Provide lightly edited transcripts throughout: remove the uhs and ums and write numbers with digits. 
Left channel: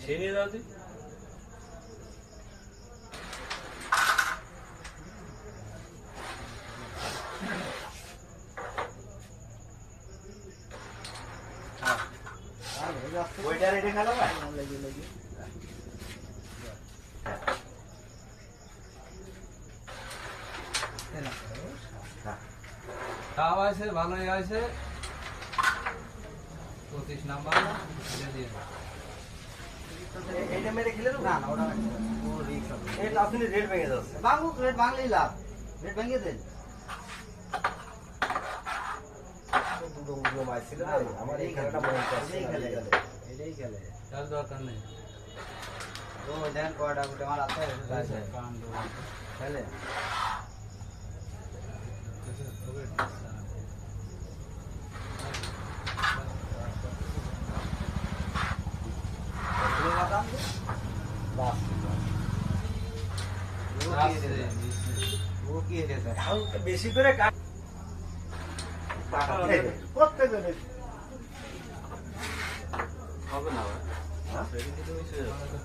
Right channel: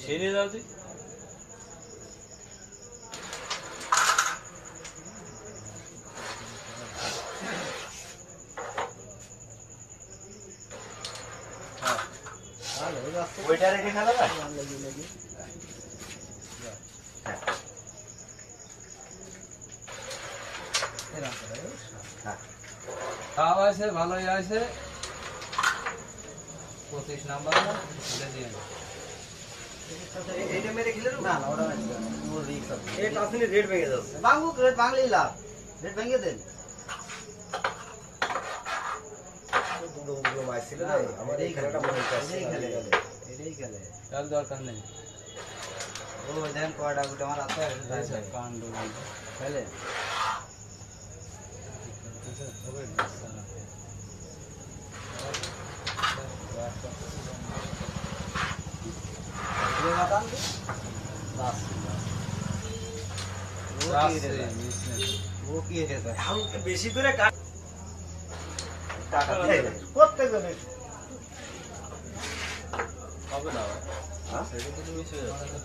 মিশিয়ে নিয়ে যাও তুই। ওইটা রেখে খেলো ভাই। তাও আছে, ভালোই আছে। 25 নাম্বার না এটা দিয়ে এইটা মেরে খেলে না না ওটা মেরে পুরো রিস্ক আছে। এই টাসিনে রেড ভেঙে যাচ্ছে। বাঙ্গুক রেড ভাঙলেই লাভ। রেড ভেঙে দেন। দুটো উড়লো মাইছিল না আমার এই খেলাটা মনে পড়ছে না। এটাই খেলে। তার দরকার নেই। ও দেন কোয়াটা গুলো আমার হাতে আছে কাণ্ড খেলে। বেশি করে প্রত্যেকজনের হবে না ভাই। সেটা কিন্তু ওই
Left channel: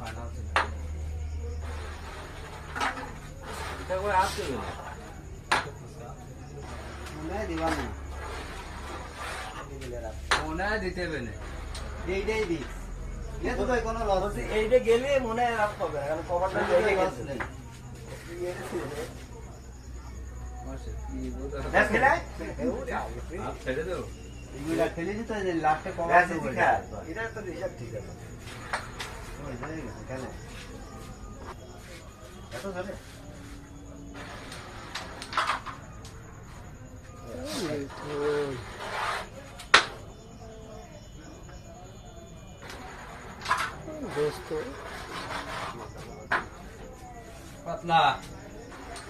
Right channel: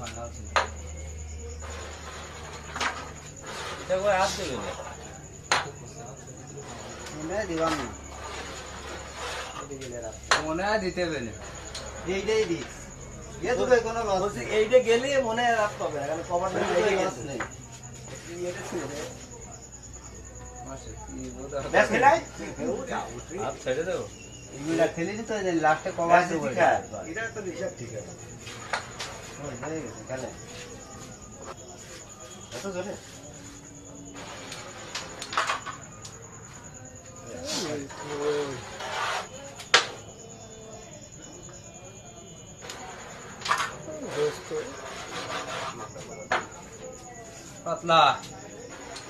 ফাইনাল ছিল। এটা করে হাত দেবে রে। মনে হয় দিতে গেলে এইটা গেলে মনে রাখতে হবে না কারণ কভারটা এইটা গেছে ব্যাস খেলাই হাত ছেড়ে দেবো। ফেলে দিতে লাস্টে কভার এটা তো বিষয় ঠিক আছে ওই হয়ে গেছে খেলে কত জানে পাতলা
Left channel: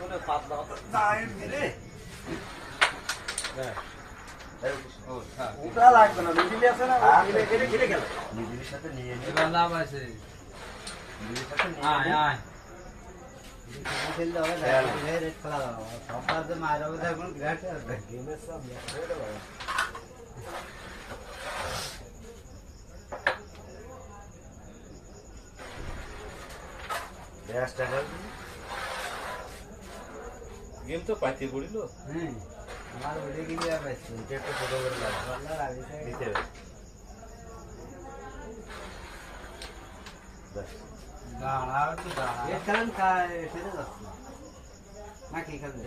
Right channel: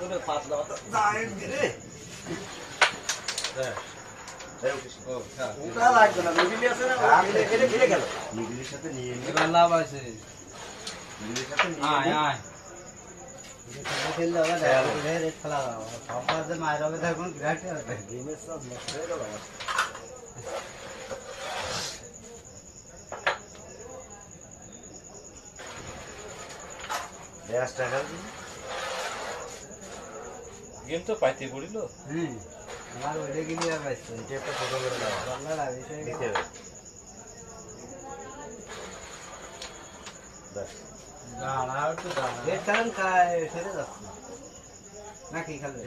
ওরে পাতলা পাতলা দাঁড়িয়ে রে ওটা লাগবে না মিডিলে আছে না এখানে ফিরে গেল মিডিলের সাথে নিয়ে নিয়ে এবার লাভ আছে। মিডিলের সাথে আয় আয় খেললে হবে রেড খেলা হবে সরকারে মায়ের হবে তার কোনো বিরাট গেমের সব নষ্ট হয়ে গেল গেম তো পাইতে পড়িল। আর ওইটা কিনে যাবে একটা ছোট করে দাও বাংলা লাগিয়েছে নিতে বাস গাড়া তো গাড়া রেড কারণ কায় সেরে যাচ্ছে নাকি খেলে